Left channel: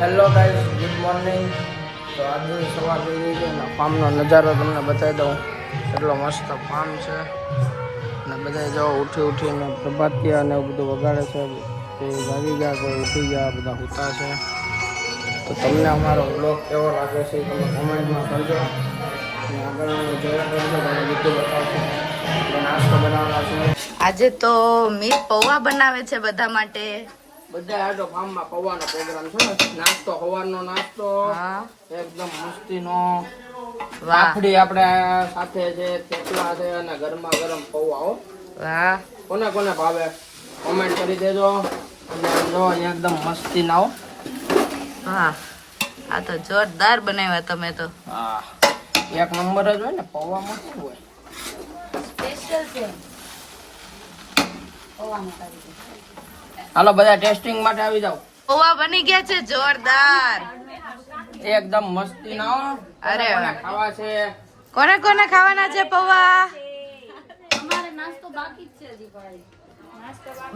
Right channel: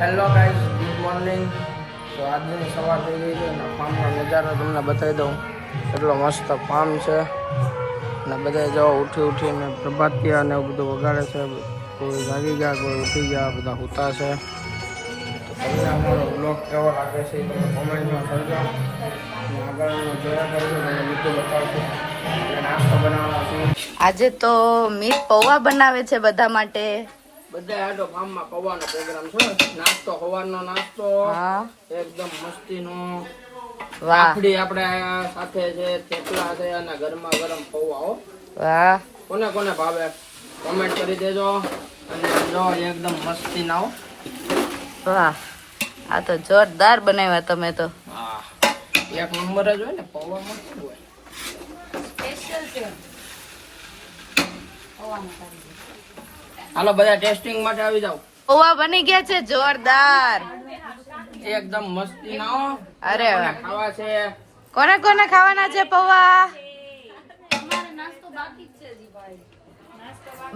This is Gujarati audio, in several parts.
Hello guys, good morning. તો આજની સવાર થઈ ગઈ છે અને ફાર્મનો નજારો તમને બતાવી દઉં. એટલો મસ્ત ફાર્મ છે અને બધા જો ઉઠીને પ્રભાતિયા અને એવું બધું વગાડે છે. કોઈ જાગી ગયા, કોઈ ઉઠી ગયા, બધા સૂતા છે. તો તમને અમારો બ્લોગ કેવો લાગે છે એ તમે કોમેન્ટમાં કરજો અને આગળનું જોયા કરજો. તમને બધું બતાવશું. એટલે નાસ્તો બનાવવાના છીએ. આજે તો મીત પૌવા બનાવે છે બધા માટે. બધા આટો ફાર્મમાં પૌવાનો પ્રોગ્રામ છે. નાસ્તો સવારનો નાસ્તો એકદમ મસ્તીનો. વાફડી આપણે સાથે છે, થેપલા છે અને ગરમા ગરમ પૌવા. વાહ, કોને કોને ભાવે કોમેન્ટ કરી દેજો. અને જો એકદમ મસ્તી ના. વાહ, આ તો જોરદાર બનાવ્યા તમે તો. હા, એક નંબર જ હોય ને પૌવામાં. શું હોય સ્પેશિયલ છે પૌવામાં. હાલો બધા ટેસ્ટિંગ માટે આવી જાવ. પૌવા બની ગયા છે જોરદાર, એકદમ મસ્તી ના. અરે ખાવા છે. કોને કોને ખાવાના છે પૌવા?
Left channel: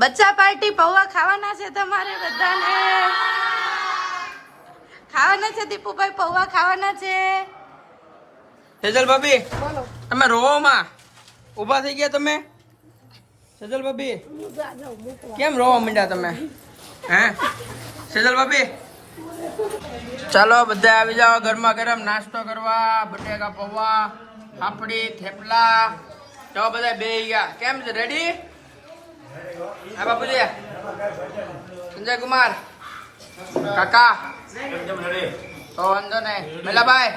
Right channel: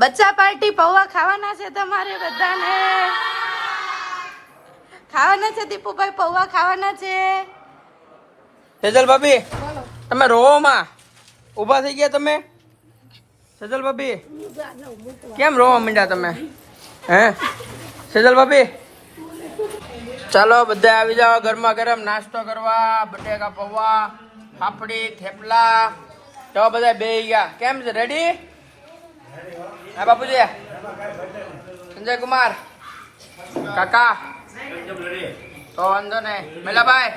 બચ્ચા પાર્ટી પૌવા ખાવાના છે તમારે બધાને. ખાવાના છે દીપુભાઈ, પૌવા ખાવાના છે. સેજલ ભાભી તમે રોવો માં ઉભા થઈ ગયા તમે? સેજલ ભાભી કેમ રોવા માંડ્યા તમે? હે સેજલ ભાભી? ચાલો બધા આવી જાઓ ગરમા ગરમ નાસ્તો કરવા. બટેકા પૌવા, ફાફડી, થેપલા. ચાલો બધા બેહી ગયા. કેમ છે? રેડી? હા બાપુજી, સંજય કુમાર કાકા તો વાંધો નહીં. મેલાભાઈ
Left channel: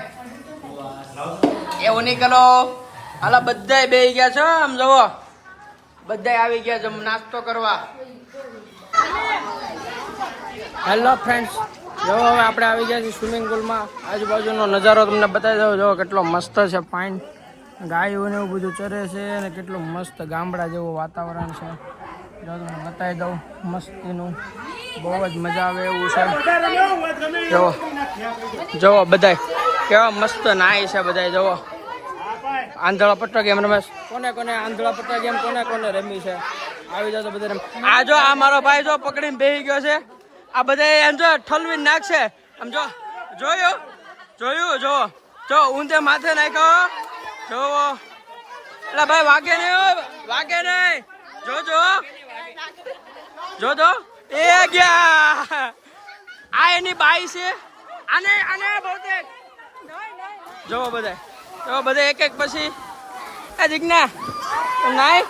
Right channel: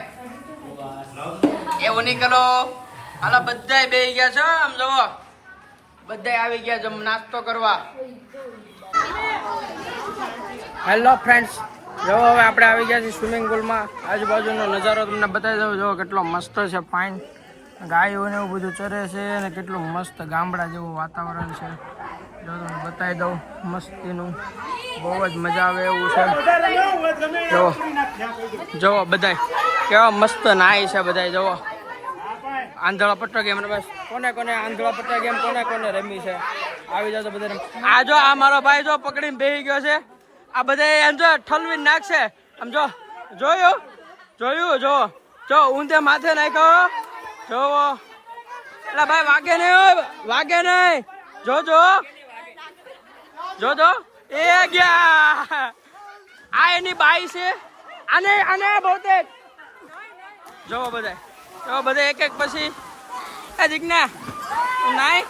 એવું નહીં કરો. હાલો બધા બેહી ગયા છો. આમ જુઓ બધા આવી ગયા છે નાસ્તો કરવા. હેલો ફ્રેન્ડ્સ, જો હવે આપણે આવી ગયા છીએ સ્વિમિંગ પુલમાં. આજુબાજુનો નજારો તમને બતાવી દઉં. જો કેટલો મસ્ત છે, ફાઇન. ગાયો ને એવું બધું ચરે છે અને કેટલું મસ્ત ગામડા જેવું વાતાવરણ છે. જો તમને બતાવી દઉં મસ્તીનું. બહુ જ મજા આવે એવું છે. જુઓ જુઓ બધાય કેવા મસ્ત નાય છે બધાય. જુઓ આંધળા પટ્ટા ગેમ રમે. કોને કોને આંધળા પટ્ટા ગેમ કોને કોને રમી છે? આવી જાવ તો બધા રમે. આ જો આ મારો ભાઈ જો પકડીને બેસી ગયો છે. આ બધા એમ જો ઠલવી નાખશે. આમ જો જોયું જોયું જો જો ઊંધે માથે નાખ્યો. જોવો એટલે ભાઈ વાગે નહીં, વાગે નહીં. જોજો જોજો એ ગયા. આ એની બાઈ છે. આને આને બહુતેક જોવો બધા. તો બધા એક એક પછી એ જીજ્ઞા નાય.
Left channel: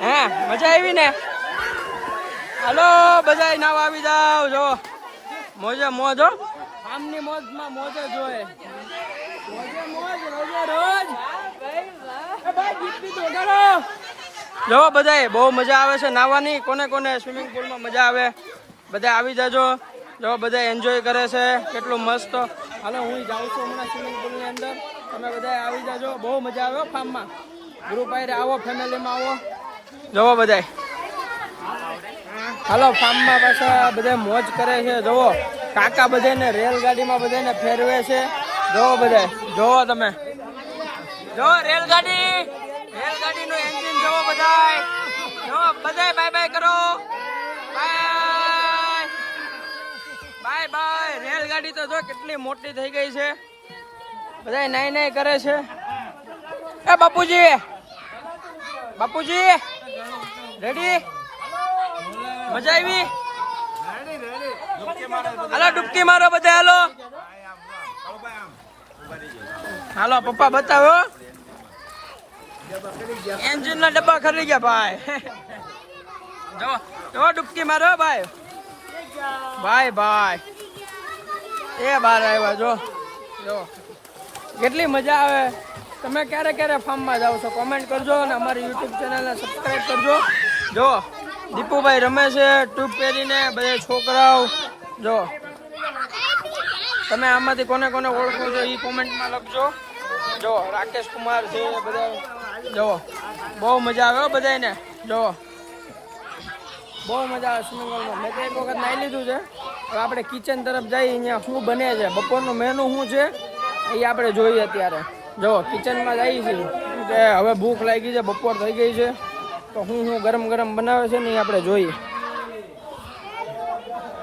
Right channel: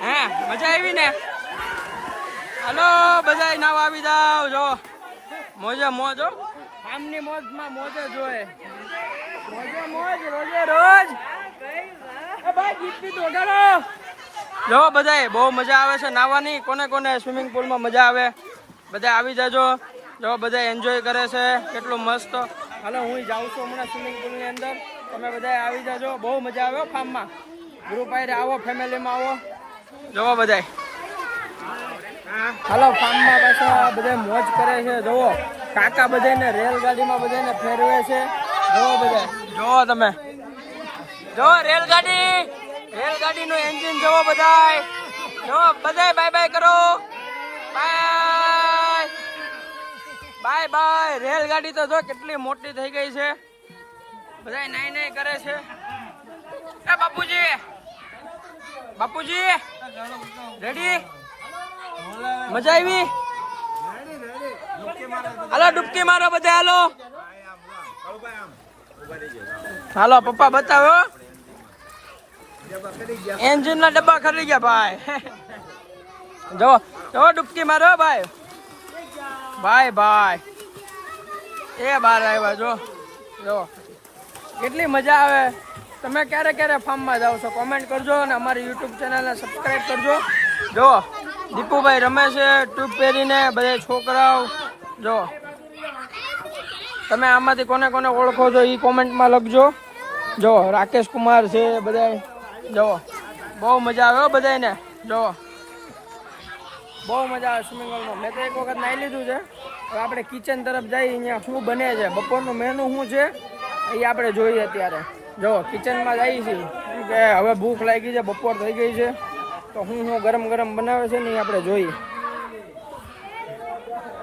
હા મજા આવી ને? હાલો બધા નાવા આવી જાવ. જો મોજે મોજ હો. આમની મોજમાં મોજે જોએ. મોજે મોજ રોજે રોજ. ભાઈ ગીત બી વગાડો. જો બધા બહુ મજા આવે છે નાવાની. કોને કોને સ્વિમિંગ પુલમાં મજા આવે બધા આવી જાજો. જો બધા એન્જોય કરે છે કેટલું મસ્ત. હાલો હું જાઉં છું હમણાં સ્વિમિંગ પુલની અંદર. તમે બધા આવી જાજો. બહુ મજા આવે ફાર્મમાં. ગ્રુપ આયરે આવો, ફેમિલીમાં આવો. જોવો બધા. હાલો ફાર્મમાં પાછા બધા મોજ કરે છે. જોવો કાકા બધાને રેલગાડીમાં બધાને ફેરવે છે. જોવો બધા. જોવો તમે જો રેલગાડી, રેલગાડીનું એન્જિન જોવો બધાય. જો બધાય બાય બાય કરો. Bye bye bye. રેલગાડી તો જો કેટલી મોટી થઈ ગઈ છે. બધા નાઈ નાઈ કરે છે. એ બાપુજી, બાપુજી રેડી? મજા આવી? હાલો ડૂબકી મારો બધા. હાલો હાલો પપ્પા બતાવો. એન્જિન ના ડબ્બા ખરી ગયા ભાઈ. જો જો ડૂબકી મારો ભાઈ. ભાઈ ભાઈ એ બહાર આવ્યા. જો જો કેટલી મજા આવે. તમે ક્યારે ક્યારે ફાર્મમાં જાઓ છો કોમેન્ટ કરજો અને અમારી યુટ્યુબ ચેનલને સબસ્ક્રાઈબ કરજો. જો દીપુભાઈ રમે છે ટ્યુબ પહેરીને. બધા છોકરાઓ જો તમે આમાંથી કોને કોને ઓળખો છો એ કોમેન્ટમાં લખજો. જો રાકેશ કુમાર છે બધા. જો બહુ મજા આવે બધાને. જો બહુ મજા આવે સ્વિમિંગ પુલમાં. મેં તો એક વખત નાહી લીધું છે. હવે આપણે કિચન તરફ જઈએ. અહીંયા શું બને છે, બપોરનું મેનુ શું છે એ આપણે જોઈએ અત્યારે. જો કિચનમાં જઈએ છીએ કેમ કે હવે ભૂખ લાગી છે, બપોર થઈ ગઈ છે. તો હું ગરમ ગરમ બનાવે છે ને એ આપણે જોઈએ.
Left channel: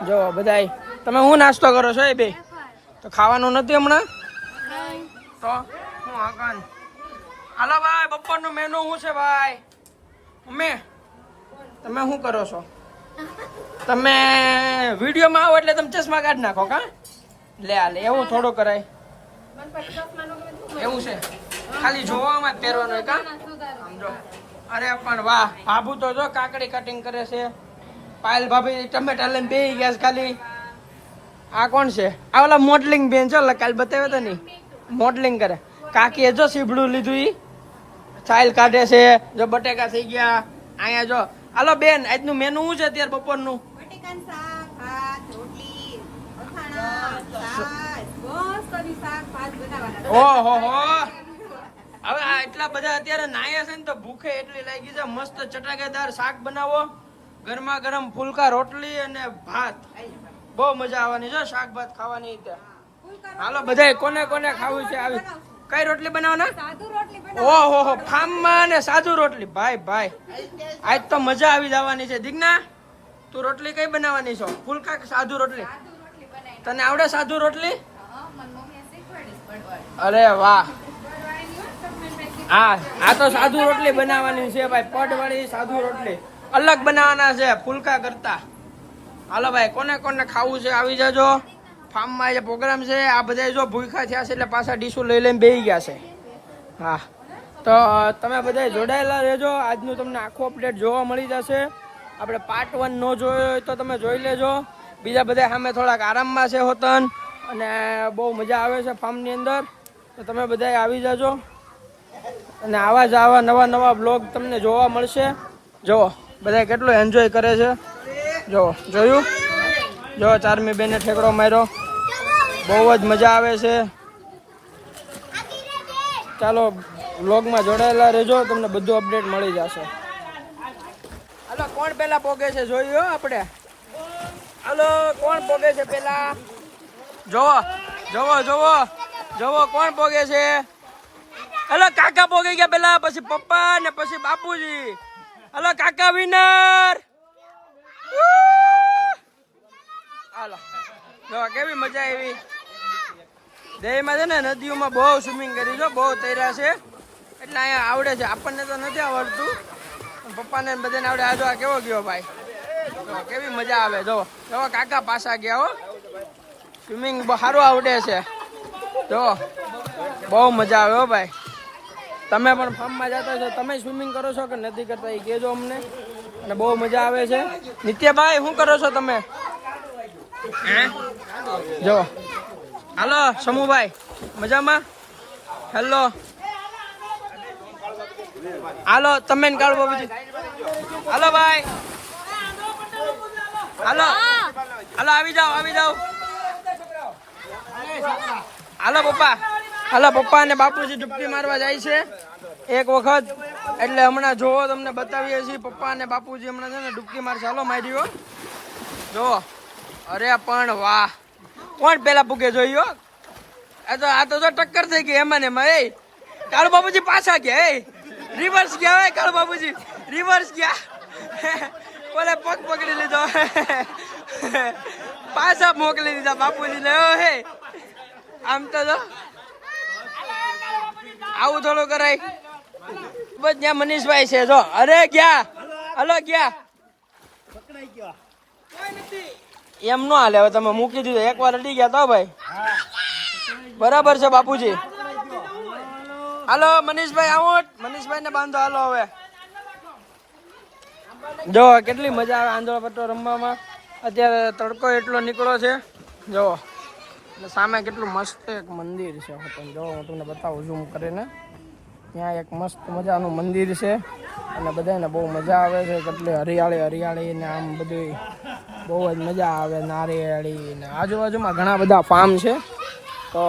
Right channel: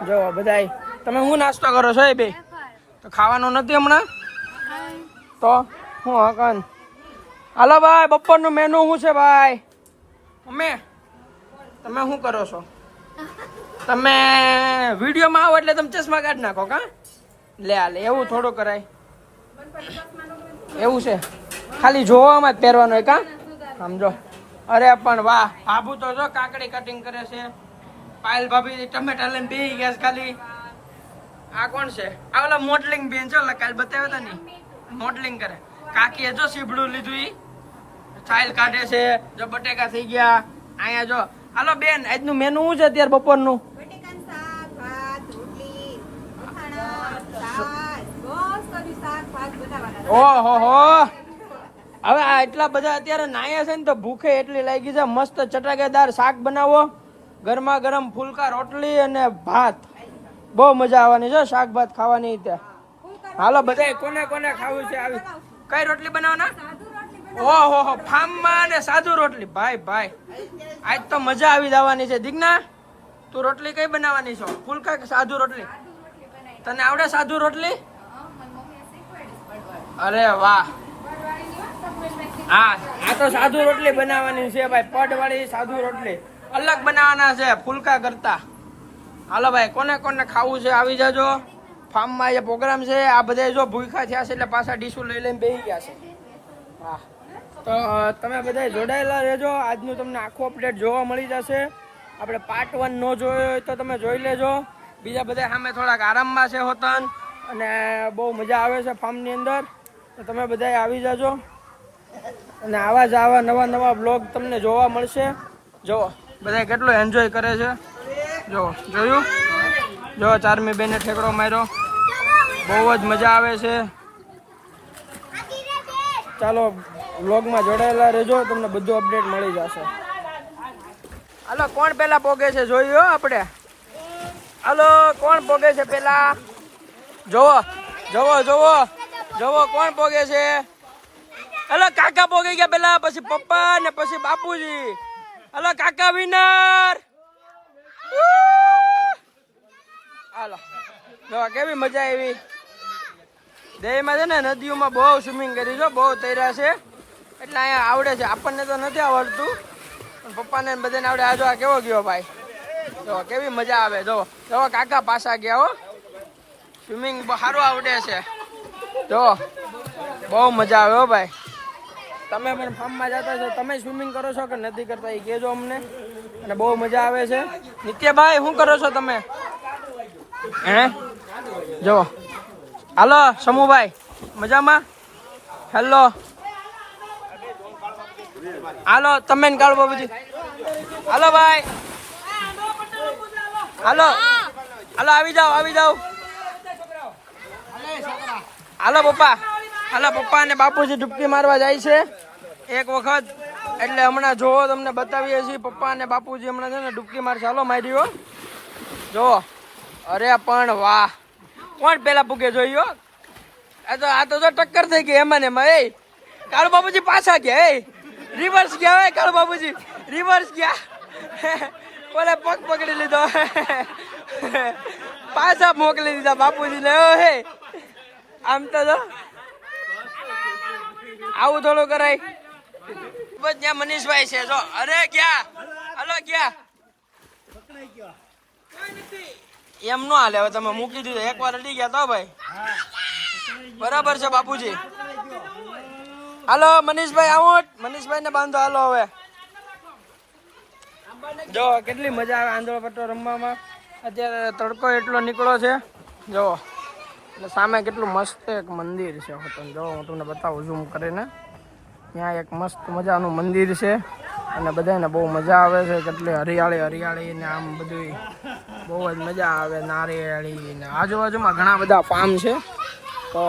જો બધાય તમે શું નાસ્તો કરો છો એ બે? તો ખાવાનું નથી હમણાં તો હું હકન. હાલો ભાઈ, બપોરનું મેનુ શું છે ભાઈ? અમે તમે શું કરો છો? તમે વિડીયોમાં આવો એટલે તમે ચશ્મા કાઢી નાખો કા? લે હાલે, એવું થોડું કરાય. એવું છે, ખાલી જોવામાં જ પહેરવાનું હોય કા? સમજો. અરે પણ વાહ, ભાભુ તો જો કાકડી કટિંગ કરે છે. પાયલ ભાભી ટમેટા લઈને બેસી ગયા છે ખાલી. આ કોણ છે? આ ઓલા મોડલિંગ બેન છે, કાલ બતાવ્યો હતા ને, મોડલિંગ કરે. કાકીએ જો સીબડું લીધું, ઈ ચાઇલ કાઢે છે. જો બટેકા થઈ ગયા અહીંયા. જો હાલો બેન, આજનું મેનુ શું છે અત્યારે બપોરનું? ઓહો હો, હવે આ એટલા બધા અત્યારે નાયા છે ને તો ભૂખે એટલી લાગી છે. મસ્ત ચટાકેદાર શાક બનાવો, ગરમા ગરમ ફુલકા રોટલી અને ભાત. બહુ મજા આવવાની છે શાક ભાત ખાવાની. હાલો બધા કોને કોને ખાવું છે આવી? કઈ રોટલી બનાવવાના? ઓહો હો, ફાર્મમાં ને સાદુ રોટલી. ભાઈ ભાઈ, આજ તો મજા આવી જવાની છે. દીકના, તું રોટલી કઈ બનાવવાની છો? ફુલકા કે સાદુ રોટલી? તને આવડે સાદુ રોટલી? અરે વાહ, હા આ તો સાદુ રોટલી બનાવવાની છે ભાઈ. પડ વાળી સાદુ રોટલી અલગ બનાવવાના છે ફુલકા કરતા. હાલો ભાઈ, કોને કોને ખાવું છે આવી જાજો. ફાર્મમાં જે પ્રોગ્રામ છે, આ બધા જો ભૂખા થયા છે એટલે પાછા ડીશું લઈ લઈને બેસી ગયા છે. હા, તો તમે બધા જોડાયેલા રહેજો. આજનું તમને આખું અપડેટ જોવા મળી જશે. આપણે પાર્ટ 1 ન જોયો હોય તો તમે જોઈ લેજો. બીજા બધા સામે થોડાક આરામમાં છે હોતન, અને બહુ મજા આવે છે ફાર્મની અંદર. તો તમે બધા આવી જાજો, અને આવા જ આવા નવા નવા બ્લોગ તમને જોવા મળશે. જો બધા કેટલું એન્જોય કરે છે. જો જોયું, જો ચારમી બેને ઠેકડો માર્યો. બહુ જ મજા આવે છે. ચાલો બ્લોગમાં જોડાયેલા રહેજો, તમને બધું અપડેટ મળી જશે. હાલો, કોણ પેલા પોગે છે જોયું આપણે? હાલો, કોણ પોગે છે પેલા? જોવો જોવો જોવો જોવો, કોણ પોગે છે? હાલો, કાકા પોગી ગયા પેલા, પછી પપ્પા ને પછી બાપુજી. હાલો કાકા વિનર. હાલો, જો કેવી મજા આવી. દેહમાં છે ને નદીઓમાં બહુ સ્વિમિંગ કરી છો, બહુ તૈરા છે એટલે અહીંયા આવડે છે. આપણને તો નથી આવડતું, પણ પપ્પાને બધાને આવડે. આ જો આ કેવો ગયો ભાઈ, જો કેવી મજા આવે. જો જો કાકા પાછા ગયા હો, સ્વિમિંગ સારું આવડે છે. જો બહુ મજા આવે હો ભાઈ. તમે પણ ફાર્મમાં જતા છો, તમે સ્વિમિંગ કરો છો કે નથી કરતા એ કહેજો અમને, અને બહુ મજા આવે છે. નિત્યભાઈ, શું કરો છો તમે? હે જો હાલો સમુભાઈ, મજામાં? હેલો, હાલો તમે કાઢો બાબુજી. હાલો ભાઈ, હાલો હાલો, આવી જાઓ આવી જાઓ. હાલો પપ્પા, હાલો પપ્પા અને બાપુજી ડૂબકી મારવા જાય છે એક વખત, એટલે હમણાં જોવો તમને બતાવીએ છીએ. પપ્પા અને બાપુજી હમણાં છે ને ડૂબકી મારશે. હાલો માર્યો જો. અરે પણ વાહ, કોણ પેલા પૂગે જોયું? આ તો ટક્કર થઈ ગઈ એમાં ને એમાં. એ કાળુ બાબુજી પાછા ગયા, એ રિવર્સ ગયા. હે કાળુ બાબુજી રિવર્સ ગયા. બોલે પગ પકડી લીધો, પાછા મોકલી દીધા બાપુજી ને. હે આમ તો જો આવું થોડું કરાય. બસ ત્યાં મનીષભાઈ છે જો. અરે ગયા, હલો ગયા. એમ નો હાલે, હવે તમે મૂકી દીધું. એકવાર અડી ગયા તો ભાઈ. બરાબર છે બાપુજી. હાલો મનીષભાઈ, આવો. મનીષભાઈ ને બાંધો. હાલો હવે જો કેટલી મજા આવે આંધળો પટ્ટો રમવામાં. અત્યારે તડકો એટલો નીકળો છે જો. સામે કેટલું મસ્ત એક મંદિર છે. જો હું તમને બતાવું ઝૂમ કરીને. ત્યાં એક મસ્ત મજાનું મંદિર છે, અને બધાને બહુ મજા આવે છે. કેટલી હરિયાળી હરિયાળી ને આમ બધું બહુ જ મજા આવે. નારિયેળી ને આજુબાજુમાં ઘણા બધા ફાર્મ છે. તો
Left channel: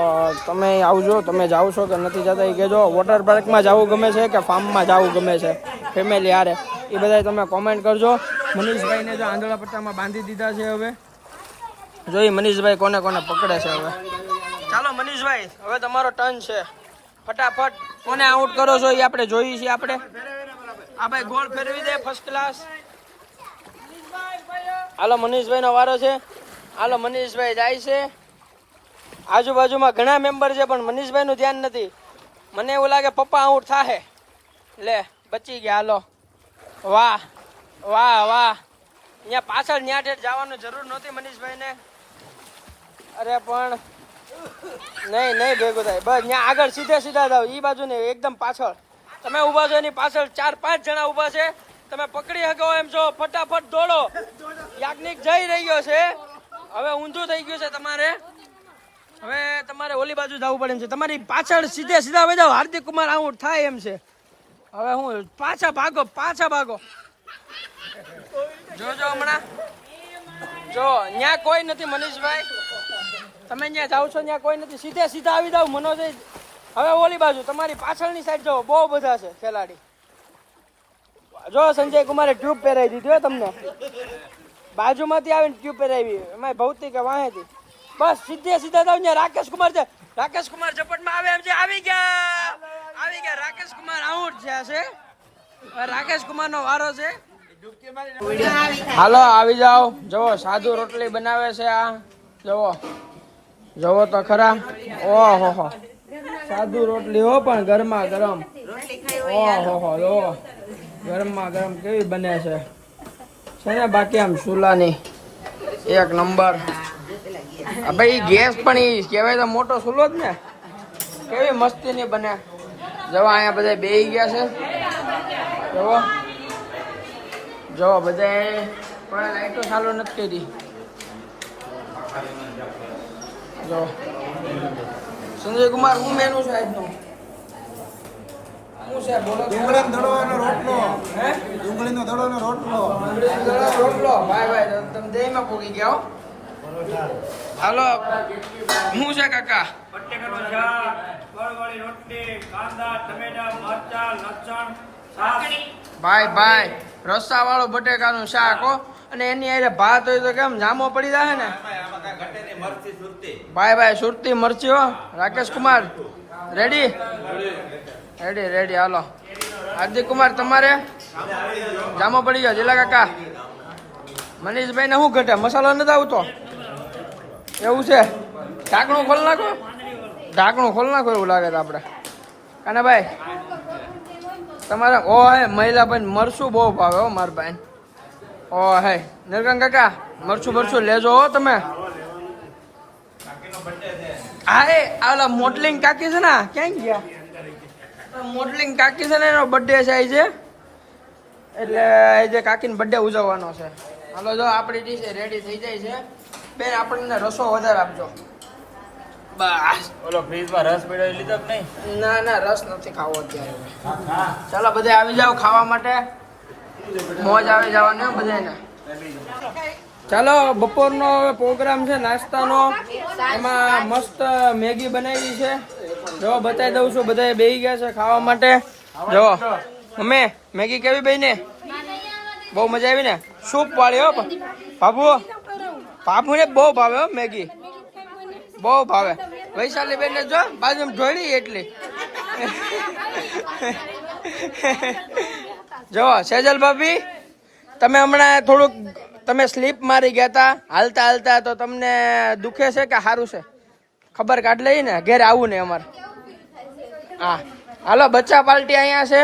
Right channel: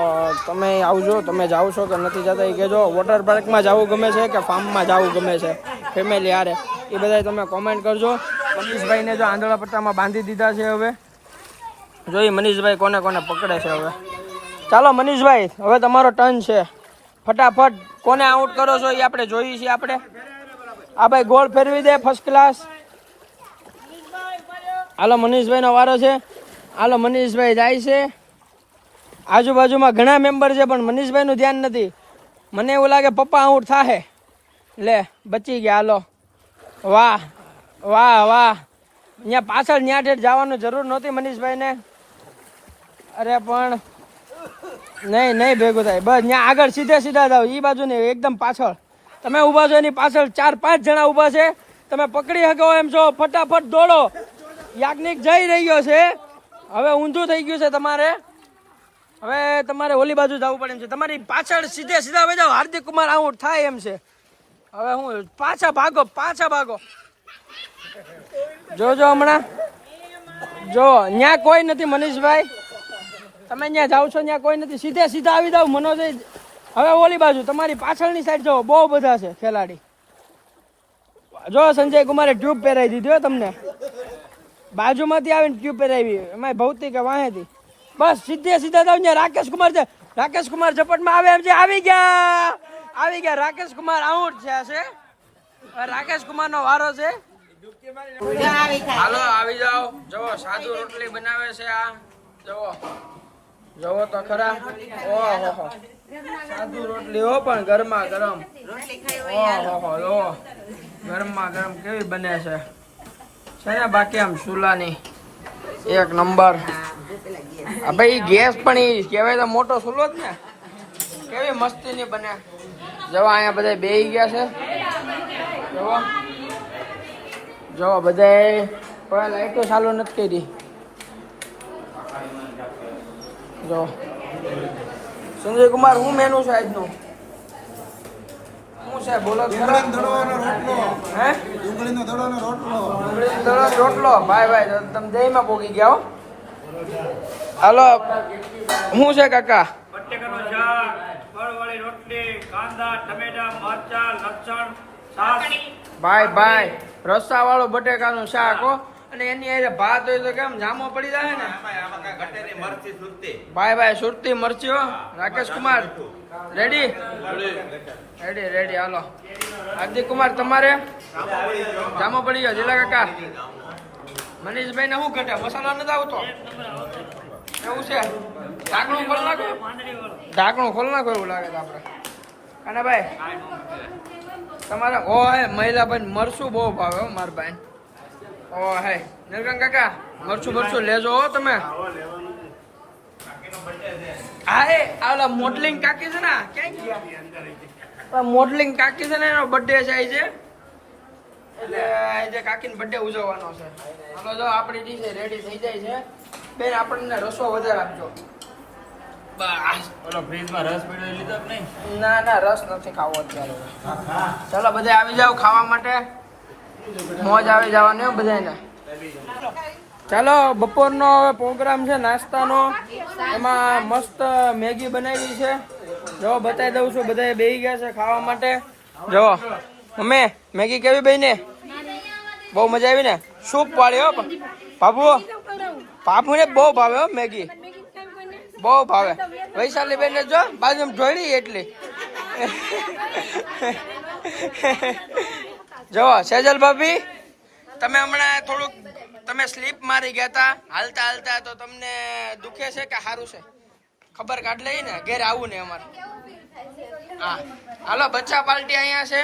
તમે આવજો. તમે જાઓ છો કે નથી જતા એ કહેજો. વોટર પાર્કમાં જવું ગમે છે કે ફાર્મમાં જવું ગમે છે ફેમિલી હારે, એ બધા તમે કોમેન્ટ કરજો. મનીષભાઈને જો આંધળા પટ્ટામાં બાંધી દીધા છે. હવે જોઈ મનીષભાઈ કોને કોને પકડે છે. હવે ચાલો મનીષભાઈ, હવે તમારો ટર્ન છે. ફટાફટ કોને આઉટ કરો છો એ આપણે જોઈએ છીએ. આપણે આ ભાઈ ગોળ ફેરવી દે ફર્સ્ટ ક્લાસ. હાલો મનીષભાઈ નો વારો છે. હાલો મનીષભાઈ જાય છે. આજુબાજુમાં ઘણા મેમ્બર છે પણ મનીષભાઈ નું ધ્યાન નથી. મને એવું લાગે પપ્પા આઉટ થાહે. લે બચી ગયા. હાલો વાહ વાહ વાહ. અહીંયા પાછળ ન્યા ઠેઠ જવાનું જરૂર નહોતી મનીષભાઈ ને. અરે પણ નહીં નહીં ભેગું થાય. બસ ત્યાં આગળ સીધે સીધા જાવ. એ બાજુ નહીં, એકદમ પાછળ. તમે ઊભા છો એની પાછળ 4-5 જણા ઊભા છે. તમે પકડી શકો એમ છો. ફટાફટ દોડો. યાજ્ઞિક જઈ રહ્યો છે. હવે ઊંધું થઈ ગયું છે તમારે. હવે તમારે ઓલી બાજુ જવું પડે એમ છે. તમારી પાછળ સીધે સીધા વહી જાવ. હાર્દિક કુમાર આઉટ થાય એમ છે. હવે હું પાછા ભાગો, પાછા ભાગો. જોજો હમણાં જો ન્યા કોઈ નથી મનીષભાઈ. તમે ત્યાં જાવ છો ત્યાં કોઈ નથી. સીધે સીધા આવી જાવ મનોજ. હવે ઓલી બાજુ તમારી પાછળની સાઈડ જો બહુ બધા છે ખેલાડી. જો સંજય કુમારે ટ્યુબ પહેરાવી દીધી હો તમને. બાજુમાંથી આવીને ટ્યુબ પહેરાવી. એમાં ભૌતિક વાહેથી. બસ સીધે સીધા જાવ. ત્યાં રાકેશ કુમાર છે. રાકેશ કુમાર ઝપટમાં આવે એમ છે. આવી ગયા, આવી ગયા. રાકેશ કુમાર આઉટ થયા છે. હવે રાકેશ કુમાર નો વારો છે. હાલો આવી જાઓ. જુઓ સાદુ રોટલી બનાવે છે આ. જુઓ જુઓ તો ખરા. ઓહો સાદુ રોટલી હો પણ ગરમા ગરમ. ઓહો જુઓ ગરમા ગરમ કેવી બને છે ને. બાકી આમ ચૂલાની એક નંબર. આ ભાઈ ગેસ પણ ઈ કહેવાય તો મોટો ચૂલો જ ને. કેવી મસ્તી ની બને. જવો અહીંયા બધા બેહી ગયા છે. જવો જો બધા કોઈ લાઈટો ચાલુ નથી કરી. જો સંજય કુમાર હું મેનુ છે આજનું? શું છે બોલો? ડુંગળીનો દડવાનો રોટલો. હે ડુંગળીનો દડવાનો રોટલો. ડુંગળીનો દડવાનો રોટલો. ભાઈ ભાઈ તમે દહીંમાં પોગી ગયા હો. હાલો શું છે કાકા? બટેકાનું શાક, ફળવાળી રોટલી, કાંદા, ટમેટા, મરચા, લસણ, છાશ. ભાઈ ભાઈ રસ્સા વાળું બટેકાનું શાક હો. અને એની હારે ભાત હોય તો કેમ જામો પડી જાય ને. ભાઈ ભાઈ સુરતી મરચી હો. Rakesh Kumar ready ready ready. હાલો હાર્દિક કુમાર તમારે જામો પડી ગયો. જીલા કાકા મનીષભાઈ ને શું ઘટે? મસાલો નથી આવતો એવું છે? ઢાંકણું ખોલ નાખો. ઢાંકણું ખોલ નાખો એવું લાગે છે આપણે. કાને ભાઈ તમારે ઓ હે મહિલાભાઈ મરચું બહુ ભાવે હો મારા ભાઈ. ઓ હે નિર્ગમ કાકા મરચું મરચું લેજો હો તમે. હા એ ઓલા મોડલિંગ કાકી છે ને ક્યાં ગયા? મોડલિંગ કાકી છે ને એનો બર્થડે છે આજે. એટલે આજે કાકીનો બર્થડે ઉજવવાનો છે. હાલો જો આપણી ડીશ રેડી થઈ જાય છે. બેન આપણને રસો વધારે આપજો. બસ ઓલો ફ્રીજમાં રસ પીડાવી લીધો કે નહીં? ના ના રસ નથી ખાવો અત્યારે. ચાલો બધા આવી જાવ ખાવા માટે. મોજ આવી જવાની હો બધાને. ચાલો બપોરનો હવે પ્રોગ્રામ છે નાસ્તાનો. એમાં મસ્ત મેગી બનાવી છે. જો બતાવી દઉં છું. બધા બેસી ગયા છે ખાવા માટે. જો મમ્મી મેગી કેવી બની? બહુ મજા આવી ને? સૂપ વાળી હો બાબુ. બાબુ ને બહુ ભાવે હો મેગી. બહુ ભાવે. વૈશાલી બેન જો બાજુમાં ઢોળી એટલી. જો સેજલ ભાભી તમે હમણાં થોડુંક તમે સ્લીપ મારી ગયા હતા હાલતા હાલતા. તો તમને દુખે છે કે સારું છે? ખબર કાઢ લઈ ને ઘેર આવું ને અમારે. હા હાલો બચ્ચા પાર્ટી અહીંયા છે.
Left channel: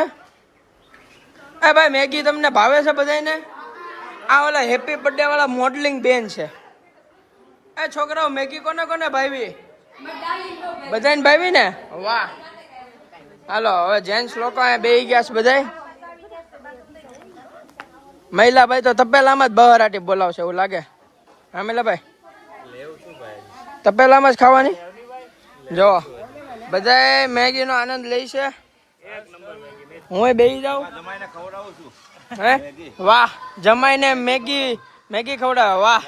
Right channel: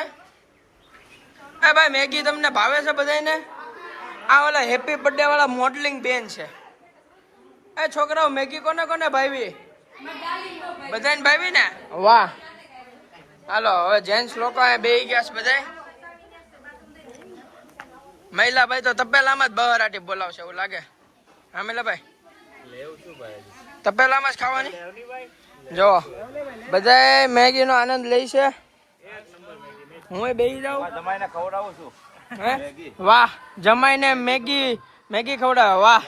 એ ભાઈ મેગી તમને ભાવે છે બધાને? આ ઓલા હેપી બર્થડે વાળા મોડલિંગ બેન છે. એ છોકરાઓ મેગી કોને કોને ભાવી? બધાને ભાવી ને? વાહ. હાલો હવે જેન્ટ્સ લોકો અહીંયા બેસી ગયા છે બધા. મહિલા ભાઈ તો તપેલામાં જ બહરાટી બોલાવશે એવું લાગે. હા મહિલા ભાઈ તપેલામાં જ ખાવાની. જો બધા મેગી નો આનંદ લે છે. હું બેસી જાઉં. હે વાહ જમાઈને મેગી મેગી ખવડાવે. વાહ.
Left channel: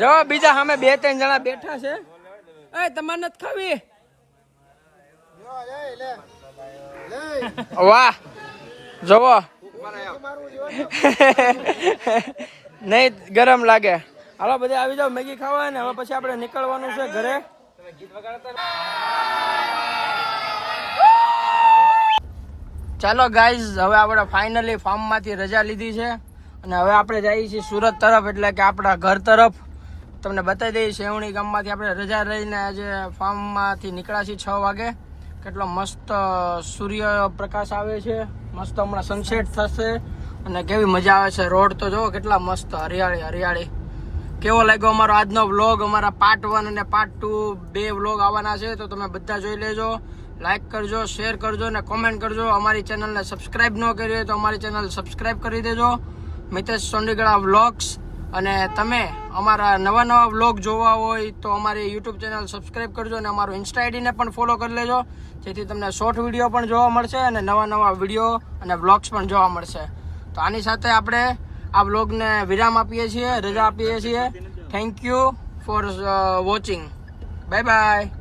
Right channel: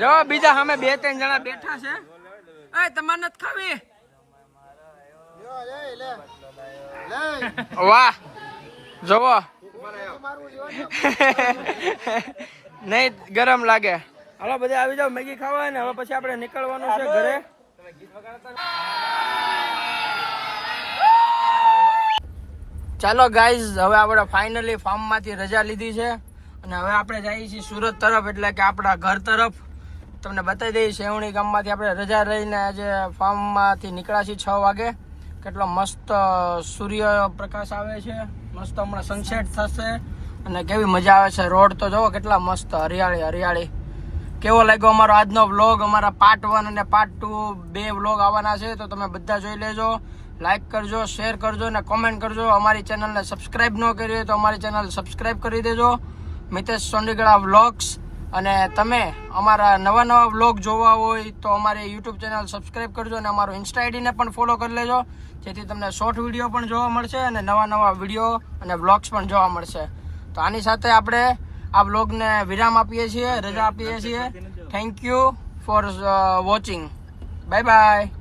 જો બીજા સામે 2-3 જણા બેઠા છે. એ તમારે નથી ખાવી? વાહ જોવો નહીં ગરમ લાગે. હાલો બધા આવી જાવ મેગી ખાવા ને. હવે પછી આપણે નીકળવાનું છે ઘરે. ચાલો ગાઈઝ હવે આપણે ફાઇનલી ફાર્મ માંથી રજા લીધી છે. અને હવે આપણે જઈએ છીએ સુરત તરફ, એટલે કે આપણા ઘર તરફ. તમને બતાવી દઈએ સેવણી ગામમાંથી આપણે રજા રહીને આજે ફાર્મમાંથી નીકળ્યા છીએ 6 વાગે. કેટલો મસ્ત સૂર્ય પ્રકાશ આવે છે, મસ્ત હમણાં સનસેટ થશે અને કેવી મજા આવે છે. રોડ તો જોવો કેટલા મસ્ત હરિયાળી હરિયાળી. કેવો લાગ્યો અમારો આજનો વ્લોગ? અમારા પાર્ટ 1 અને પાર્ટ 2 2 વ્લોગ આવવાના છે, તો તમે બધા જોઈ લેજો. લાઈક કરજો, શેર કરજો અને કોમેન્ટ કરજો. અમારી ચેનલને સબસ્ક્રાઈબ ન કરી હોય તો અમારી ચેનલ સબસ્ક્રાઈબ કરી દેજો, મિતેશ સોંડીગડા વ્લોગ્સ. અને તમે અમારા નવા વ્લોગ જોવા હોય તો અમારી યુટ્યુબ ચેનલ સબસ્ક્રાઈબ કરજો અને અમારું ઇન્સ્ટા આઈડીને પણ ફોલો કરી લેજો, જેથી તમને શોર્ટ વિડીયો પણ જોવા મળશે અને નવા વિડીયો અને વ્લોગ્સ પણ જોવા મળશે. તો આની સાથે આપણે આ વ્લોગને વિરામ આપીએ છીએ, રજા આપીએ છીએ. Thank you for watching. Bye bye.